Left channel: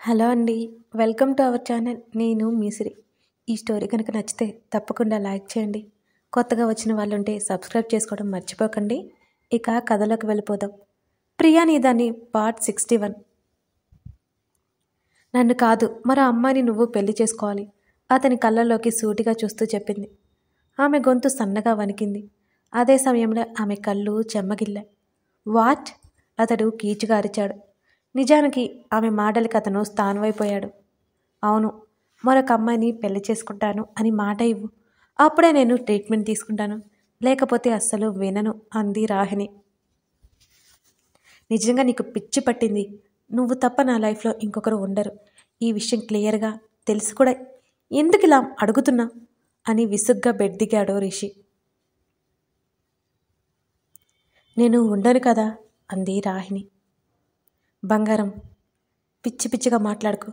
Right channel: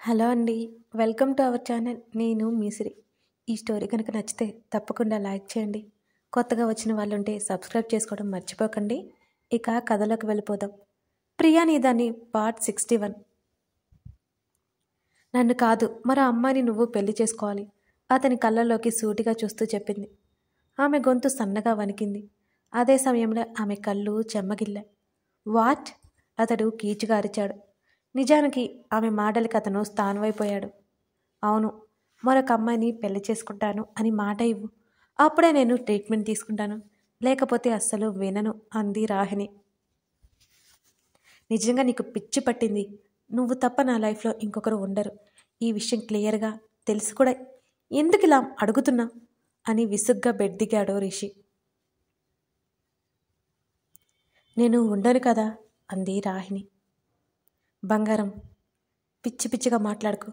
Hello అండి. Welcome to our channel. నేను మీసిరి. ఈ స్టోరీ కనుక నచ్చితే తప్పకుండా లైక్ చేయండి. కొత్తగా వచ్చిన వాళ్ళుంటే సబ్స్క్రైబ్ చేసుకోవడం మర్చిపోకండి. ఇక కథలోకి వెళ్ళిపోదాం. ప్రియా నీదాని పార్ట్ 61. నన్ను కాదు, మరో అమ్మాయిని నువ్వు పెళ్లి చేసుకోవాలి, అతని కళ్ళల్లోకి సూటిగా చూస్తూ చెప్పింది. ఆమె గొంతు సన్నగా వణికింది. అదే సమయంలో ఆమె కళ్ళు చెమ్మగిల్లాయి. వాట్? అతడు కీచుగా అరిచాడు. నిజానికి ఆమె మాటలకి అతను స్థానమైపోయాడు. అవును, మరొక అమ్మాయిని పెళ్లి చేసుకుంటాను అని మాట ఇవ్వు, అప్పుడే నేను ట్రీట్మెంట్ తీసుకుంటాను, లేకపోతే అస్సలు వినను అంది రాహిణి. నిజంగా నీకు పిచ్చి పట్టింది. నువ్వు తప్ప నా లైఫ్లో ఇంకొకరు ఉండరు. ఈ విషయం క్లియర్గా తెలిసి కూడా ఎందుకు ఇలా అడుగుతున్నా అని విసుగ్గా బెడ్ దిగాడు రిషి. నేను ఉండను కదా అంది రాహిణి. బంగారం, పిచ్చి పిచ్చిగా మాట్లాడుకు.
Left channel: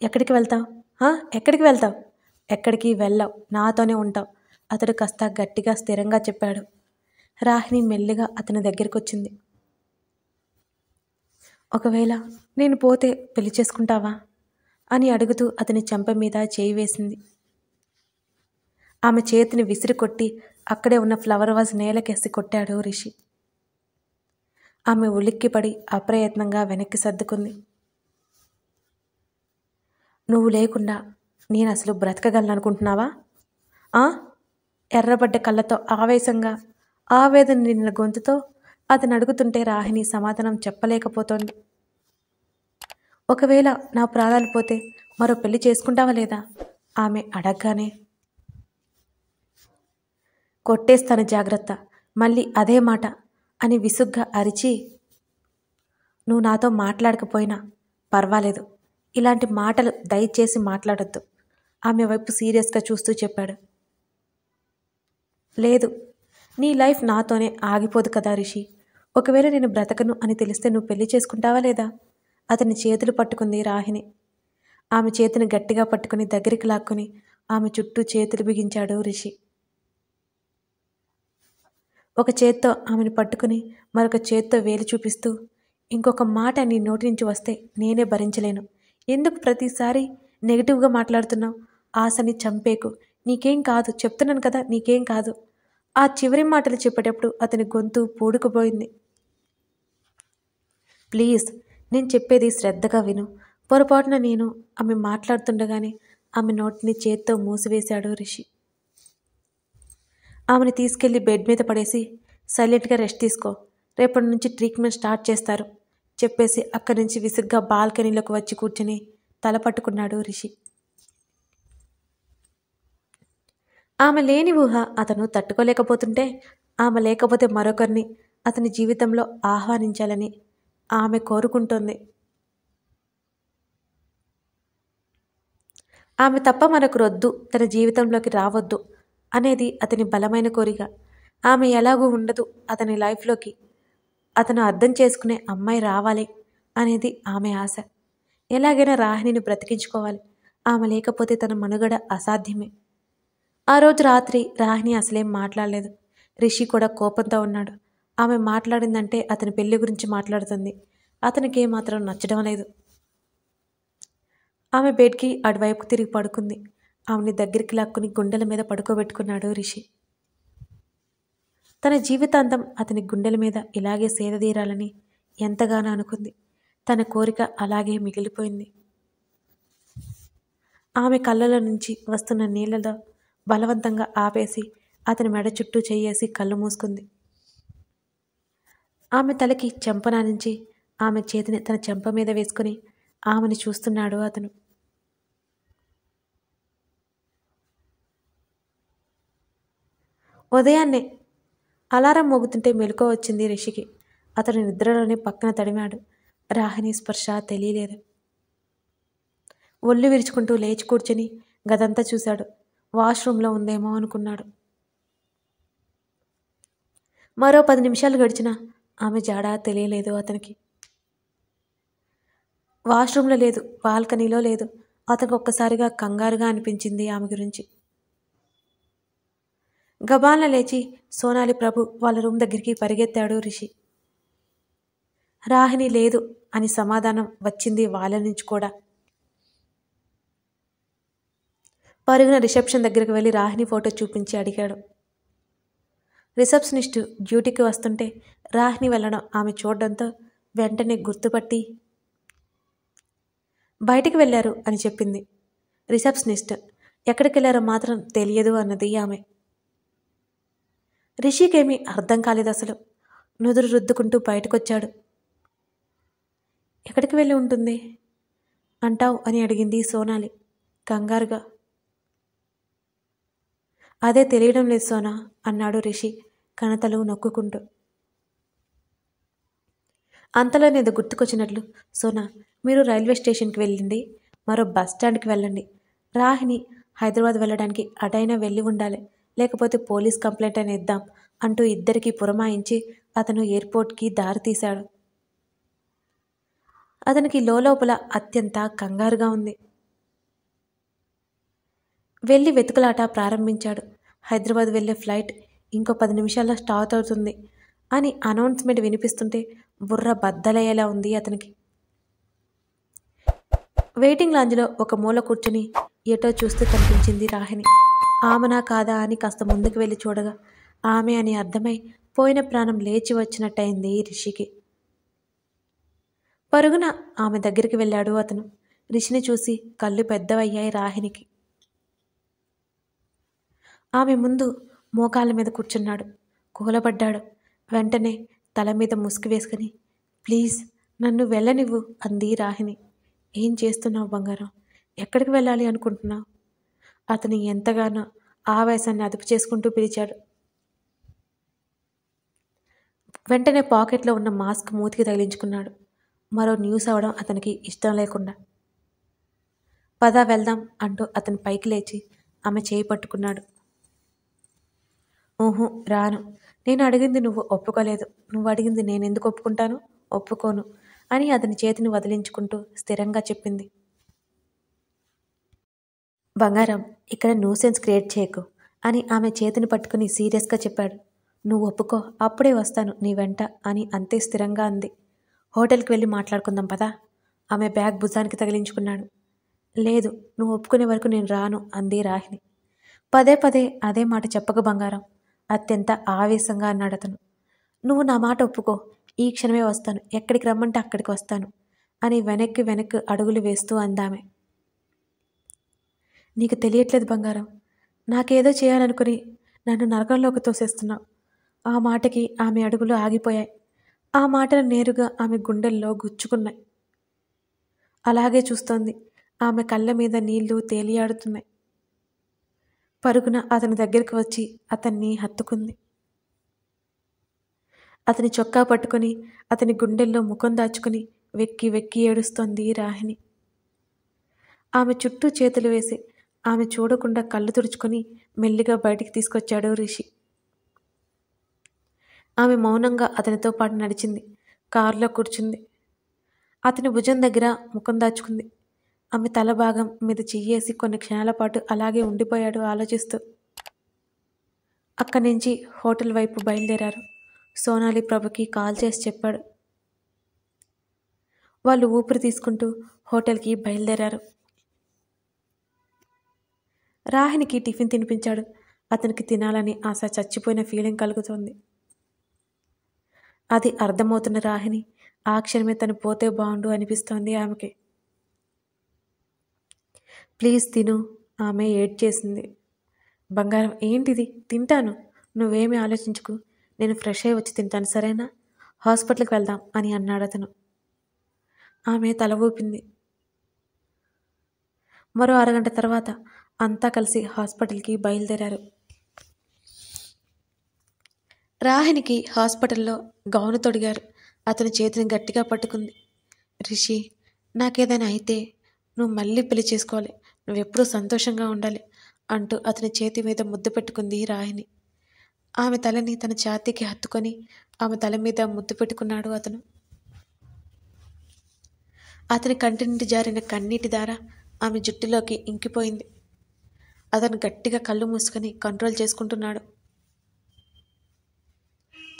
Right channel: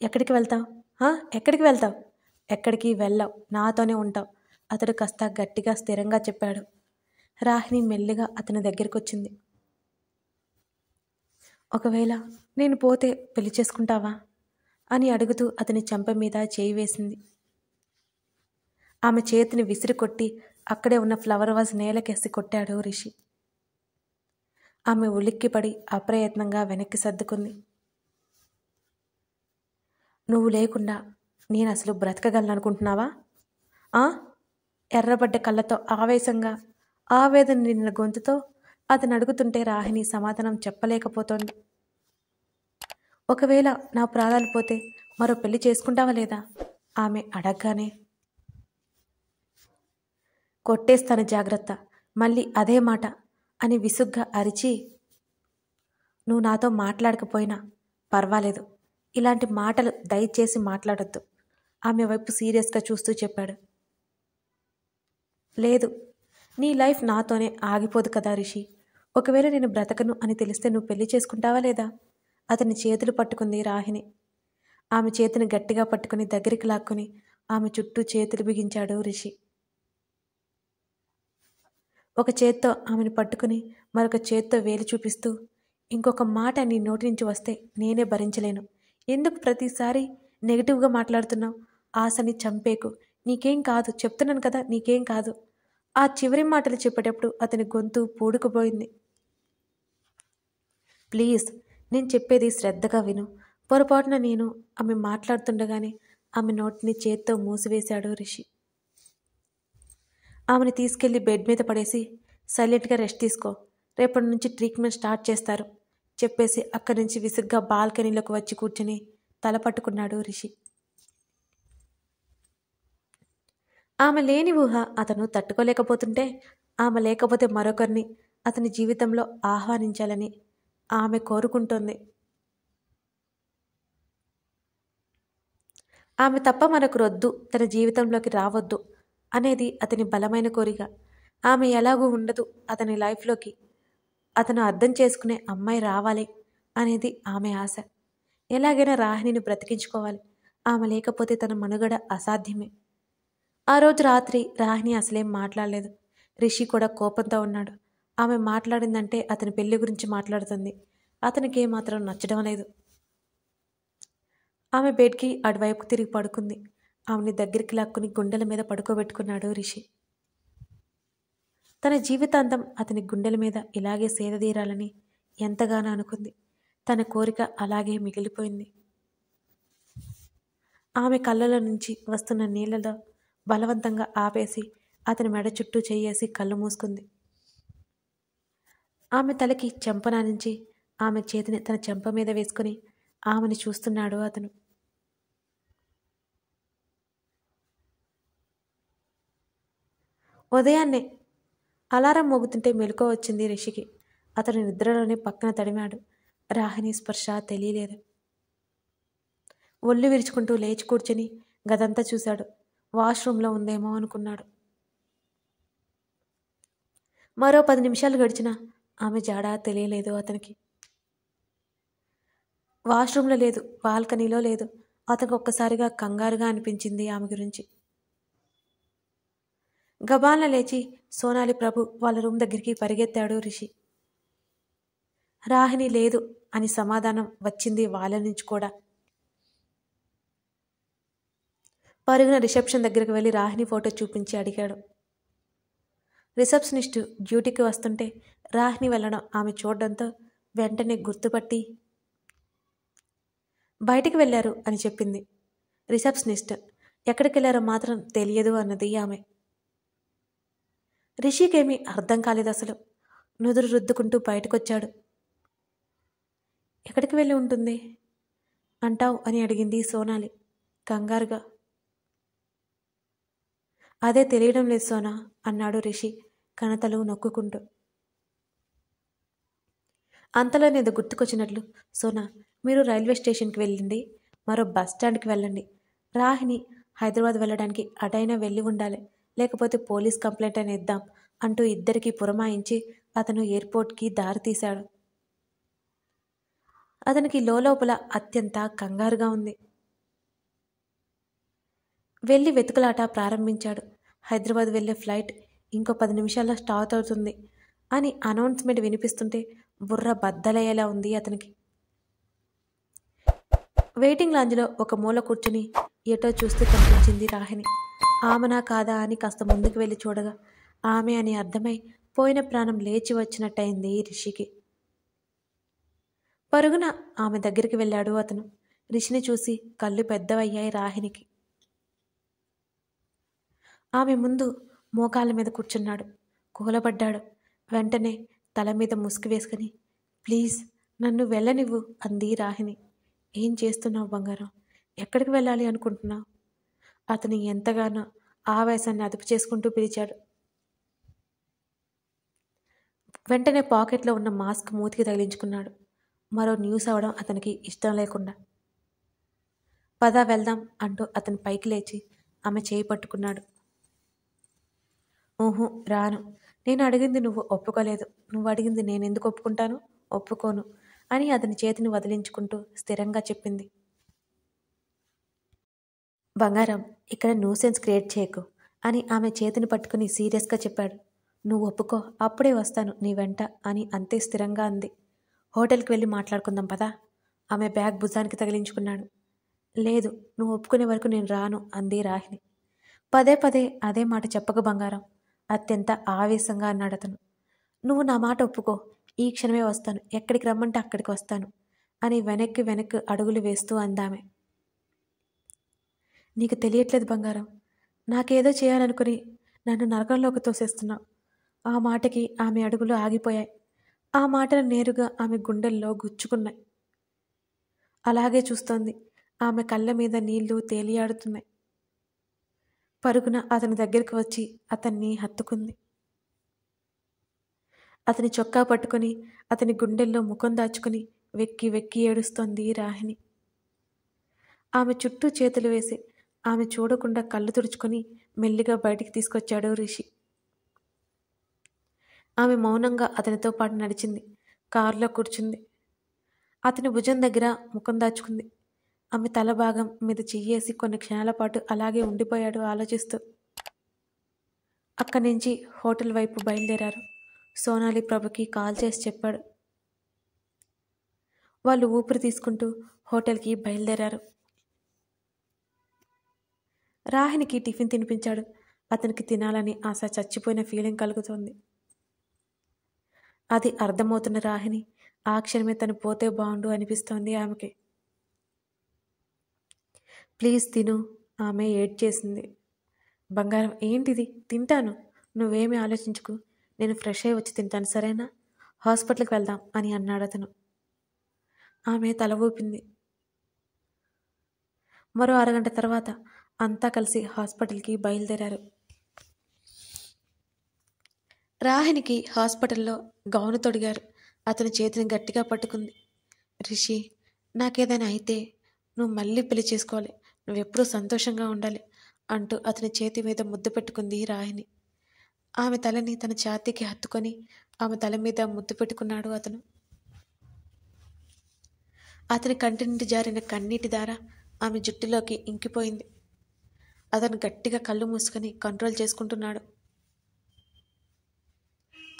ఎక్కడికి వెళ్తావు? ఎక్కడికి వెళ్తావు? ఎక్కడికి వెళ్ళావు, నాతోనే ఉంటావు, అతడు కాస్త గట్టిగా స్థిరంగా చెప్పాడు. రాహిణి మెల్లిగా అతని దగ్గరికి వచ్చింది. ఒకవేళ నేను పోతే పెళ్లి చేసుకుంటావా అని అడుగుతూ అతని చెంప మీద చేయి వేసింది. ఆమె చేతిని విసిరి కొట్టి అక్కడే ఉన్న ఫ్లవర్ వాజ్ నేలకేసి కొట్టాడు రిషి. ఆమె ఉలిక్కిపడి అప్రయత్నంగా వెనక్కి సర్దుకుంది. నువ్వు లేకుండా నేను అసలు బ్రతకగలనుకుంటున్నావా? ఎర్రబడ్డ కళ్ళతో ఆవేశంగా ఆవేదన నిండిన గొంతుతో అతను అడుగుతుంటే రాహిణి సమాధానం చెప్పలేకపోతోంది. ఒకవేళ నా ప్రాణాలు పోతే మరో పెళ్లి చేసుకుంటావా లేదా ఆమె అడగగానే. కొట్టేస్తాను, జాగ్రత్త, మళ్ళీ అదే మాట అని విసుగ్గా అరిచి, నువ్వు నాతో మాట్లాడకపోయినా పర్వాలేదు, ఇలాంటి మాటలు దయచేసి మాట్లాడొద్దు, ఆమె వైపు సీరియస్గా చూస్తూ చెప్పాడు. లేదు, నీ లైఫ్ నాతోనే ఆగిపోదు కదా రిషి. ఒకవేళ నేను బ్రతకను అని తెలిస్తే నువ్వు పెళ్లి చేసుకుంటావా లేదా? అతని చేతులు పట్టుకుంది రాహిణి. ఆమె చేతిని గట్టిగా పట్టుకుని దగ్గరికి లాక్కుని ఆమె చుట్టూ చేతులు బిగించాడు రిషి. ఒక చేత్తో ఆమెను పట్టుకుని మరొక చేత్తో వేలు చూపిస్తూ, ఇంకొక మాట నీ నోటి నుంచి వస్తే నేనే భరించలేను. ఎందుకు ప్రతిసారి నెగిటివ్గా మాట్లాడుతున్నావు? ఆశని చంపేకు, నీకేం కాదు, చెప్తున్నాను కదా, నీకేం కాదు. ఆ చివరి మాటలు చెప్పేటప్పుడు అతని గొంతు పూడుకుపోయింది. ప్లీజ్, నేను చెప్పేది శ్రద్ధగా విను. పొరపాటున నేను ఆమె మాట్లాడుతుండగానే ఆమె నోటిని చేత్తో మూసివేశాడు రిషి. ఆమెను తీసుకెళ్లి బెడ్ మీద పడేసి, సైలెంట్గా రెస్ట్ తీసుకో, రేపటి నుంచి ట్రీట్మెంట్ స్టార్ట్ చేస్తారు చెప్పేసి అక్కడి నుంచి విసుగ్గా బాల్కనీలోకి వచ్చి కూర్చుని తల పట్టుకున్నాడు రిషి. ఆమె లేని ఊహ అతను తట్టుకోలేకపోతుంటే, ఆమె లేకపోతే మరొకరిని అతని జీవితంలో ఆహ్వానించాలని ఆమె కోరుకుంటోంది. ఆమె తప్ప మరొకరొద్దు, తన జీవితంలోకి రావద్దు అనేది అతని బలమైన కోరిక. ఆమె ఎలాగూ ఉండదు అతని లైఫ్లోకి, అతను అర్థం చేసుకునే అమ్మాయి రావాలి అనేది ఆమె ఆశ. ఎలాగైనా రాహిణిని బ్రతికించుకోవాలి, ఆమె లేకపోతే తన మనుగడ అసాధ్యమే. ఆ రోజు రాత్రి రాహిణి అసలేం మాట్లాడలేదు. రిషి కూడా కోపంతో ఉన్నాడు. ఆమె మాట్లాడిందంటే అతని పెళ్లి గురించి మాట్లాడుతుంది. అతనికి ఏమాత్రం నచ్చడం లేదు. ఆమె బెడ్కి అటువైపు తిరిగి పడుకుంది. ఆమెని దగ్గరికి లాక్కుని గుండెల మీద పడుకోబెట్టుకున్నాడు రిషి. తన జీవితాంతం అతని గుండెల మీద ఇలాగే సేదదీరాలని ఎంతగానో అనుకుంది. తన కోరిక అలాగే మిగిలిపోయింది. ఆమె కళ్ళలో నుంచి వస్తున్న నీళ్లలో బలవంతంగా ఆపేసి అతని మెడ చుట్టూ చెయ్యేసి కళ్ళు మూసుకుంది. ఆమె తలకి చెంపనానించి ఆమె చేతిని తన చెంప మీద వేసుకుని ఆమెను చూస్తున్నాడు అతను. ఉదయాన్నే అలారం మోగుతుంటే మెలకువ వచ్చింది రిషికి. అతను నిద్రలోనే పక్కన తడిమాడు. రాహిణి స్పర్శ తెలియలేదు. ఒళ్ళు విరుచుకుంటూ లేచి కూర్చుని గదంతా చూశాడు. వాష్రూమ్లో ఉందేమో అనుకున్నాడు. మరో 10 నిమిషాలు గడిచినా ఆమె జాడ తెలియలేదు అతనికి. వాష్రూమ్లో లేదు, బాల్కనీలో లేదు. అతనికి ఒక్కసారిగా కంగారుగా అనిపించింది ఆమె గురించి. గబాల్న లేచి సోనాలి ప్రభు వాళ్ళ రూమ్ దగ్గరికి పరిగెత్తాడు రిషి. రాహిణి లేదు అని సమాధానం వచ్చింది వాళ్ళ నుంచి కూడా. పరుగున రిసెప్షన్ దగ్గరికి వెళ్ళి రాహిణి ఫోటో చూపించి అడిగాడు. రిసెప్షనిస్టు డ్యూటీకి వస్తుంటే రాహిణి వెళ్ళడం ఆమె చూడడంతో వెంటనే గుర్తుపట్టి బయటికి వెళ్ళారు అని చెప్పింది. రిసెప్షనిస్ట్ ఎక్కడికి వెళ్ళారో మాత్రం తెలియదు అన్నది ఆమె. రిషికేమీ అర్థం కాలేదు అసలు. నుదురు రుద్దుకుంటూ బయటకొచ్చాడు. ఎక్కడికి వెళ్ళి ఉంటుంది అంటావు అని అడిగింది సోనాలి కంగారుగా. అదే తెలియడం లేదు సోనా అన్నాడు రిషి కణతలు నొక్కుంటూ. అంతలోనేదో గుర్తుకొచ్చినట్లు, సోనా మీరు రైల్వే స్టేషన్కి వెళ్ళింది, మరో బస్ స్టాండ్కి వెళ్ళండి. రాహిణి హైదరాబాద్ వెళ్ళడానికి అటైనా వెళ్ళి ఉండాలి, లేకపోతే పోలీస్ కంప్లైంట్ అని ఇద్దాం అంటూ ఇద్దరికీ పురమాయించి అతను ఎయిర్పోర్ట్కి దారి తీశాడు. అతనికి లోపల అత్యంత కంగారుగా ఉంది. వెళ్ళి వెతుకులాట ప్రారంభించాడు. హైదరాబాద్ వెళ్ళే ఫ్లైట్ ఇంకో 10 నిమిషాల్లో స్టార్ట్ అవుతుంది అని అనౌన్స్మెంట్ వినిపిస్తుంటే బుర్ర బద్దలయ్యేలా ఉంది అతనికి. వెయిటింగ్ లాంజ్లో ఒక మూల కూర్చుని ఎటో చూస్తూ కనిపించింది రాహిణి. ఆమెనా కాదా అని కాస్త ముందుకు వెళ్ళి చూడగా ఆమె అని అర్థమై పోయిన ప్రాణం లేచి వచ్చినట్టయింది రిషికి. పరుగున ఆమె దగ్గరికి వెళ్ళాడు అతను. రిషిని చూసి కళ్ళు పెద్దవయ్యాయి రాహిణికి. ఆమె ముందు మోకాళ్ళ మీద కూర్చున్నాడు. కూలబడ్డాడు. వెంటనే తల మీద ముసుగు వేసుకుని, ప్లీజ్ నన్ను వెళ్ళనివ్వు అంది రాహిణి. ఏం చేస్తున్నావు బంగారం? ఎక్కడికి వెళ్ళాలి అనుకుంటున్నావు? అతని ఎంతగానో ఆవేశాన్ని అదుపు చేసుకుంటూ పిలిచాడు. వెంటనే పాకెట్లో ఉన్న మాస్క్ మూతికి తగిలించుకున్నాడు. మరో న్యూస్ అవడం అతనికి ఇష్టం లేకుండా. పద వెళ్దాం అంటూ అతని పైకి లేచి ఆమె చేయి పట్టుకున్నాడు. ఊహు రాను. నేను అడిగింది నువ్వు ఒప్పుకోలేదు. నువ్వు అడిగింది నేనెందుకు ఒప్పుకుంటాను? ఒప్పుకోను అని అతని చేతిని వదిలించుకుంటూ స్థిరంగా చెప్పింది. బంగారం, ఇక్కడ న్యూసెన్స్ క్రియేట్ చేయకు అని ఆమె చేతిని పట్టుకుని సీరియస్గా చెప్పాడు. నువ్వు ఒప్పుకో, అప్పుడే వస్తాను నీ వెంట అని అంతే స్థిరంగా అంది. హోటల్కి వెళ్ళి మాట్లాడుకుందాం పదా. ఆమె బ్యాగ్ భుజానికి తగిలించుకున్నాడు. లేదు, నువ్వు ఒప్పుకునే వరకు నేను రాను అంది రాహిణి. పదే పదే అదే మాట చెప్పక బంగారం అత్యంత ఆవేశంగా అన్నాడు అతను. నువ్వు నా మాట ఒప్పుకో, ఈ క్షణమే వస్తాను, ఎక్కడికి రమ్మంటే అక్కడికి వస్తాను అని వెనక్కి అడుగులు వేస్తూ అందామె. నీకు తెలియట్లేదు బంగారం, నాకేదో చేయాలనుకుని నన్ను నరకంలోకి తోసేస్తున్నావు. ఆ మాటకి ఆమె అడుగులు ఆగిపోయాయి. ఆ మాటలు నేరుగా ఆమె గుండెల్లో గుచ్చుకున్నాయి. అలాగే చూస్తోంది. ఆమె కళ్ళ మీద నీళ్లు తేలియాడుతున్నాయి. పరుగున అతని దగ్గరికి వచ్చి అతన్ని హత్తుకుంది. అతని చొక్కా పట్టుకుని అతని గుండెల్లో ముఖం దాచుకుని వెక్కి ఏడుస్తోంది రాహిణి. ఆమె చుట్టూ చేతులు వేసి ఆమె చూడకుండా కళ్ళు తుడుచుకొని మెల్లిగా బయటికి తీసుకొచ్చాడు రిషి. ఆమె మౌనంగా అతనితో పాటు నడిచింది. కారులో కూర్చుంది. అతని భుజం దగ్గర ముఖం దాచుకుంది. ఆమె తల భాగం మీద చెయ్యేసి కొన్ని క్షణాల పాటు అలాగే ఉండిపోయాడు ఆలోచిస్తూ. అక్కడి నుంచి హోటల్ వైపు బయలుదేరారు. సోనాలి ప్రభుకి కాల్ చేసి చెప్పాడు. వాళ్ళు ఊపిరి తీసుకుంటూ హోటల్కి బయలుదేరారు. రాహిణికి టిఫిన్ తినిపించాడు. అతనికి తినాలని ఆశ చచ్చిపోయిన ఫీలింగ్ కలుగుతోంది. అది అర్థమవుతున్న రాహిణి ఆ క్షణమే తను పోతే బాగుండు అనిపిస్తోంది ఆమెకి. ప్లీజ్ తిను, ఆమె ఏడ్ చేసింది. బంగారం, ఏంటిది? తింటాను, నువ్వేమీ ఆలోచించుకు, నేను ఫ్రెష్ అయ్యి వచ్చి తింటాను సరేనా? హాస్పిటల్కి వెళ్దాం అని అన్నాడు అతను. ఆమె తల ఊపింది. మరో అరగంట తర్వాత అంతా కలిసి హాస్పిటల్కి బయలుదేరారు. రాహిణికి హాస్పిటల్లో గౌను తొడిగారు. అతని చేతిని గట్టిగా పట్టుకుంది. రిషి, నాకేదైనా అయితే నువ్వు మళ్ళీ పెళ్లి చేసుకోవాలి, నువ్వెప్పుడూ సంతోషంగా ఉండాలి అంటూ అతని చేతి మీద ముద్దు పెట్టుకుంది రాహిణి. ఆమె తలని తన ఛాతీకి హత్తుకొని ఆమె తల మీద ముద్దు పెట్టుకున్నాడు అతను. అతని కంటి నుండి జారిన కన్నీటి దార ఆమె జుట్టులోకి ఇంకిపోయింది. అతను గట్టిగా కళ్ళు మూసుకొని కంట్రోల్ చేసుకుంటున్నాడు.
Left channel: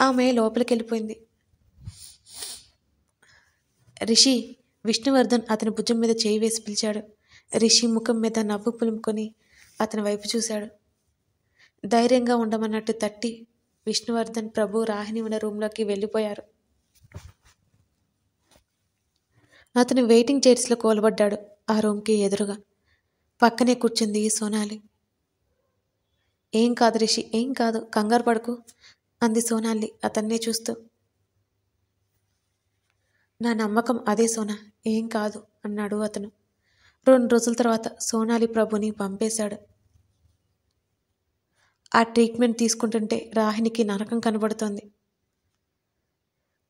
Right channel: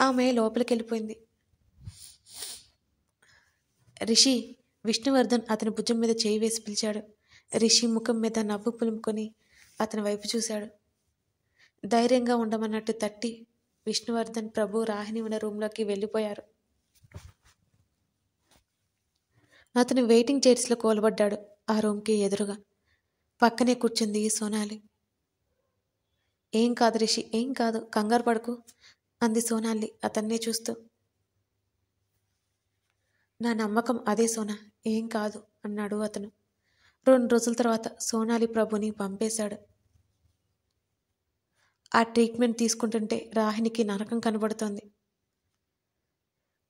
ఆమె లోపలికి వెళ్ళిపోయింది. రిషి, విష్ణువర్ధన్ అతని భుజం మీద చేయి వేసి పిలిచాడు. రిషి ముఖం మీద నవ్వు పులుముకొని అతని వైపు చూశాడు. ధైర్యంగా ఉండమన్నట్టు తట్టి విష్ణువర్ధన్ ప్రభు రాహిణి ఉన్న రూమ్లోకి వెళ్ళిపోయారు. అతను వెయిటింగ్ చైర్స్లో కూలబడ్డాడు. ఆ రూమ్కి ఎదురుగా పక్కనే కూర్చుంది సోనాలి. ఏం కాదు రిషి, ఏం కాదు, కంగారు పడకు అంది సోనాలి అతన్నే చూస్తూ. నా నమ్మకం అదే సోనా, ఏం కాదు అన్నాడు అతను. 2 రోజుల తర్వాత సోనాలి ప్రభుని పంపేశాడు. ఆ ట్రీట్మెంట్ తీసుకుంటుంటే రాహినికి నరకం కనబడుతోంది.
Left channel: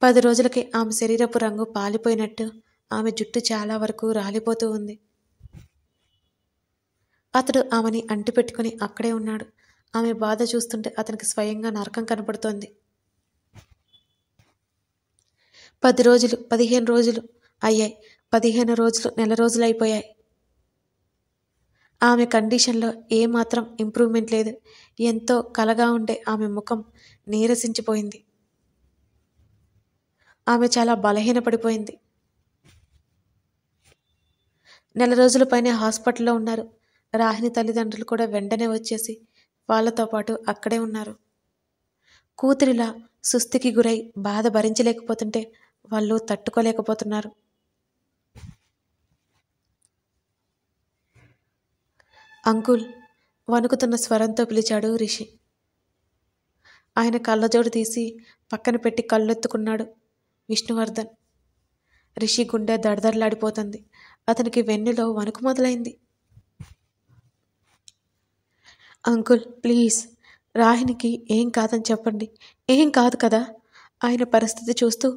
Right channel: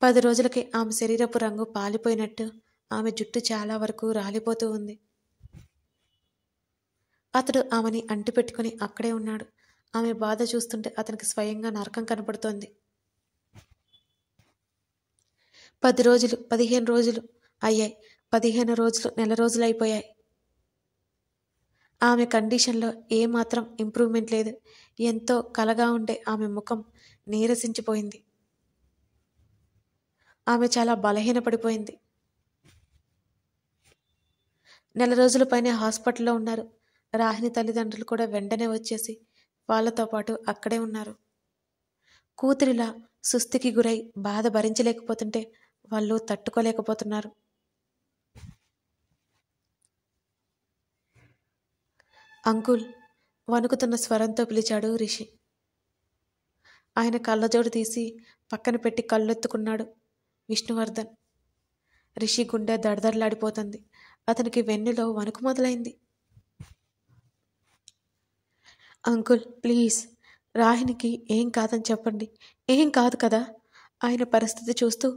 10 రోజులకే ఆమె శరీరపు రంగు పాలిపోయినట్టు ఆమె జుట్టు చాలా వరకు రాలిపోతూ ఉంది. అతడు ఆమెని అంటిపెట్టుకుని అక్కడే ఉన్నాడు. ఆమె బాధ చూస్తుంటే అతనికి స్వయంగా నరకం కనపడుతోంది. 10 రోజులు, 15 రోజులు అయ్యాయి. 15 రోజులు, నెల రోజులు అయిపోయాయి. ఆమె కండిషన్లో ఏమాత్రం ఇంప్రూవ్మెంట్ లేదు. ఎంతో కలగా ఉండే ఆమె ముఖం నీరసించిపోయింది. ఆమె చాలా బలహీనపడిపోయింది. నెల రోజుల పైన హాస్పిటల్లో ఉన్నారు. రాహిణి తల్లిదండ్రులు కూడా వెంటనే వచ్చేసి వాళ్ళతో పాటు అక్కడే ఉన్నారు. కూతురిలా సుస్థికి గురై బాధ భరించలేకపోతుంటే వాళ్ళు తట్టుకోలేకపోతున్నారు. అంకుల్ వణుకుతున్న స్వరంతో పిలిచాడు రిషి. ఆయన కళ్ళజోడు తీసి పక్కన పెట్టి కళ్ళెత్తుకున్నాడు విష్ణువర్ధన్. రిషి గుండె దడదడలాడిపోతుంది. అతనికి వెన్నులో వణుకు మొదలైంది. అంకుల్ ప్లీజ్, రాహినికి ఏం కాదని చెప్పండి. ఏం కాదు కదా? ఆయన పరిస్థితి చూస్తూ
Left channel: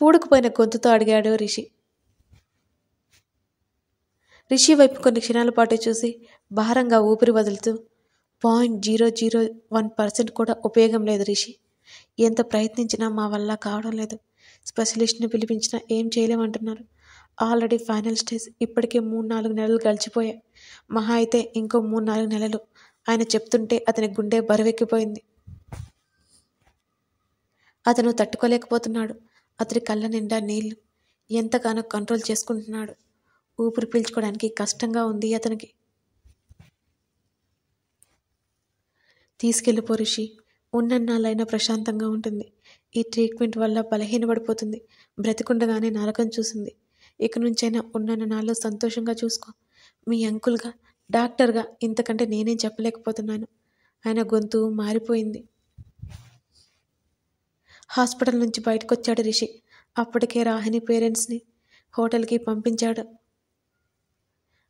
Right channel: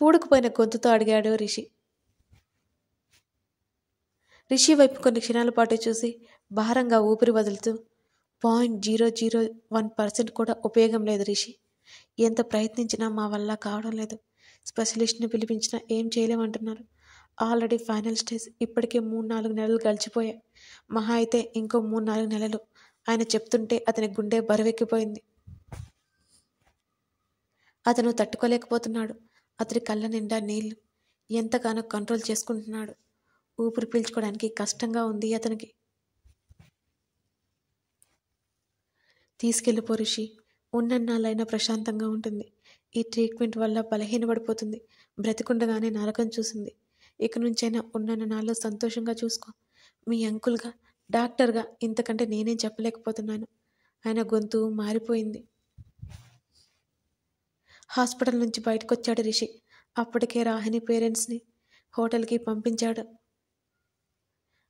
పూడుకుపోయిన గొంతుతో అడిగాడు రిషి. రిషి వైపు కొన్ని క్షణాల పాటు చూసి భారంగా ఊపిరి వదులుతూ 0.001% కూడా ఉపయోగం లేదు రిషి. ఎంత ప్రయత్నించినా మా వల్ల కావడం లేదు. స్పెషలిస్ట్ని పిలిపించినా ఏం చేయలేమంటున్నారు. Already final stage. ఇప్పటికే 3-4 నెలలు గడిచిపోయాయి. మహా అయితే ఇంకో 3-4 నెలలు. ఆయన చెప్తుంటే అతని గుండె బరువెక్కిపోయింది. అతను తట్టుకోలేకపోతున్నాడు. అతని కళ్ళ నిండా నీళ్లు. ఎంతగానో కంట్రోల్ చేసుకుంటున్నాడు. ఊపిరి పీల్చుకోవడానికి కష్టంగా ఉంది అతనికి. తీసుకెళ్ళిపో రిషి. ఉన్నన్నాళ్ళైనా ప్రశాంతంగా ఉంటుంది. ఈ ట్రీట్మెంట్ వల్ల బలహీనపడిపోతుంది. బ్రతికుండగానే నరకం చూసింది. ఇక నుంచైనా ఉన్నన్న నాళ్ళు సంతోషంగా చూసుకో. మీ అంకుల్గా, డాక్టర్గా ఇంతకంటే నేనేం చెప్పలేకపోతున్నాను. ఆయన గొంతు మారిపోయింది. హాస్పిటల్ నుంచి బయటకొచ్చాడు రిషి. అప్పటికే రాహిణి పేరెంట్స్ని హోటల్కి పంపించాడు.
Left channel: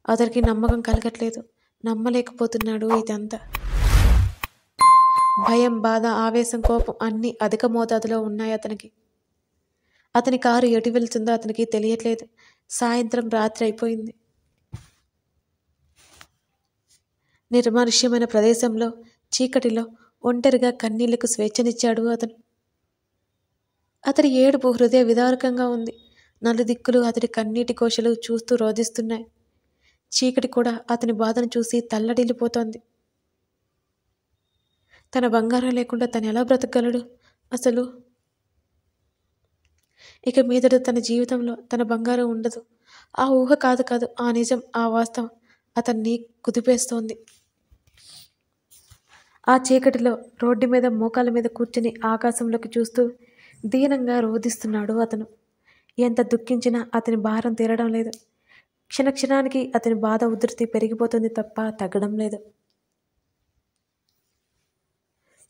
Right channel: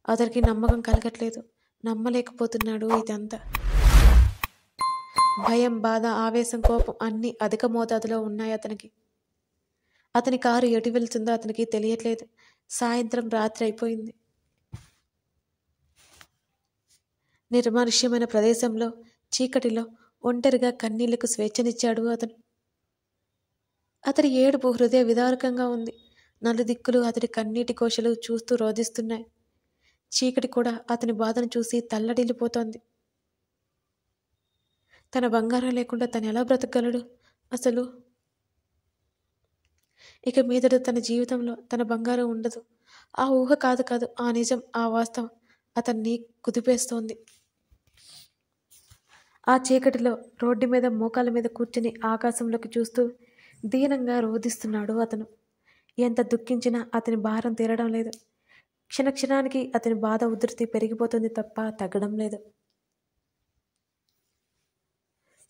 అతనికి నమ్మకం కలగట్లేదు. నమ్మలేకపోతున్నాడు ఇదంతా. భయం, బాధ, ఆవేశం, కోపం అన్నీ అధిక మోతాదులో ఉన్నాయి అతనికి. అతని కారు ఎటు వెళ్తుందో అతనికి తెలియట్లేదు. సాయంత్రం రాత్రి అయిపోయింది. నిర్మానుష్యమైన ప్రదేశంలో చీకటిలో ఒంటరిగా కన్నీళ్లకు స్వేచ్ఛనిచ్చాడు అతను. అతడి ఏడుపు హృదయ విదారకంగా ఉంది. నలుదిక్కులు అతడి కన్నీటి కోశలు చూస్తూ రోధిస్తున్నాయి. చీకటి కూడా అతని బాధను చూసి తల్లడిల్లిపోతోంది. తన బంగారం లేకుండా తను ఎలా బ్రతకగలడు అసలు? ఇక మీదట తన జీవితంలో తన బంగారం ఉండదు. ఆ ఊహ కాదు, ఆ నిజం, ఆ వాస్తవం అతన్ని కుదిపేస్తోంది. ఆ చీకటిలో రోడ్డు మీద మోకాళ్ళ మీద కూర్చుని ఆకాశంలోకి చూస్తూ దీనంగా రోధిస్తున్నాడు అతను. ఎంత దుఃఖించినా అతని భారం తీరడం లేదు. క్షణక్షణానికి అతని బాధ ఉధృతి పెరిగిపోతుంది తప్ప తగ్గడం లేదు.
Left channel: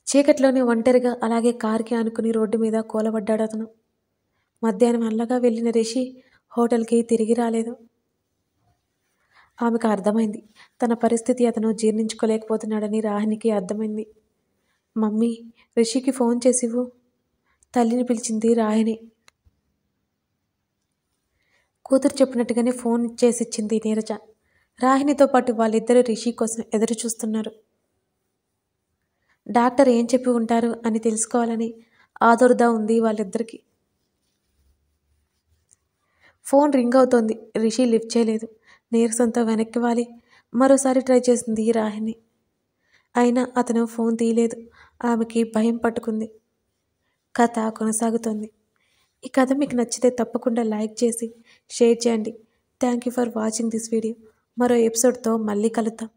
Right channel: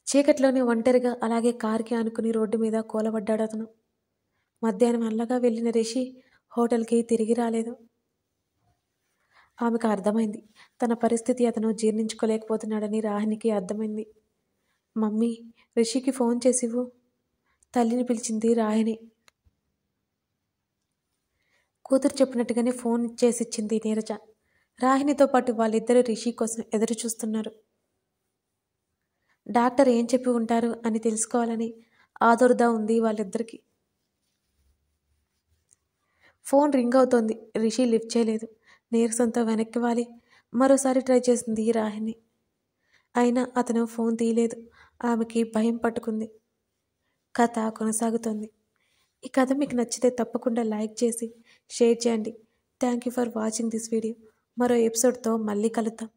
చీకట్లోనే ఒంటరిగా అలాగే కారుకి ఆనుకుని రోడ్డు మీద కూలబడ్డాడు అతను. మధ్యాహ్నం అల్లగా వెళ్ళిన రిషి హోటల్కి తిరిగి రాలేదు. ఆమెకు అర్థమైంది. తన పరిస్థితి అతను జీర్ణించుకోలేకపోతున్నాడని రాహినికి అర్థమైంది. మమ్మీ, రిషికి ఫోన్ చేసివు, తల్లిని పిలిచింది రాహిణి. కూతురు చెప్పినట్టుగానే ఫోన్ చేసిచ్చింది నీరజ. రాహిణితో పాటు వాళ్ళిద్దరూ రిషి కోసం ఎదురు చూస్తున్నారు. డాక్టర్ ఏం చెప్పి ఉంటారు అని తెలుసుకోవాలని ఆదుర్దా ఉంది వాళ్ళిద్దరికీ. ఫోన్ రింగ్ అవుతోంది. రిషి లిఫ్ట్ చేయలేదు. నీరసంతో వెనక్కి వాలి మరోసారి ట్రై చేసింది రాహిణి. అయినా అతను ఫోన్ తీయలేదు. ఆమెకి భయం పట్టుకుంది. కథ కొనసాగుతోంది. ఈ కథ మీకు నచ్చితే తప్పకుండా లైక్ చేసి షేర్ చేయండి. Thank you for watching this video. మరో ఎపిసోడ్తో మళ్ళీ కలుద్దాం.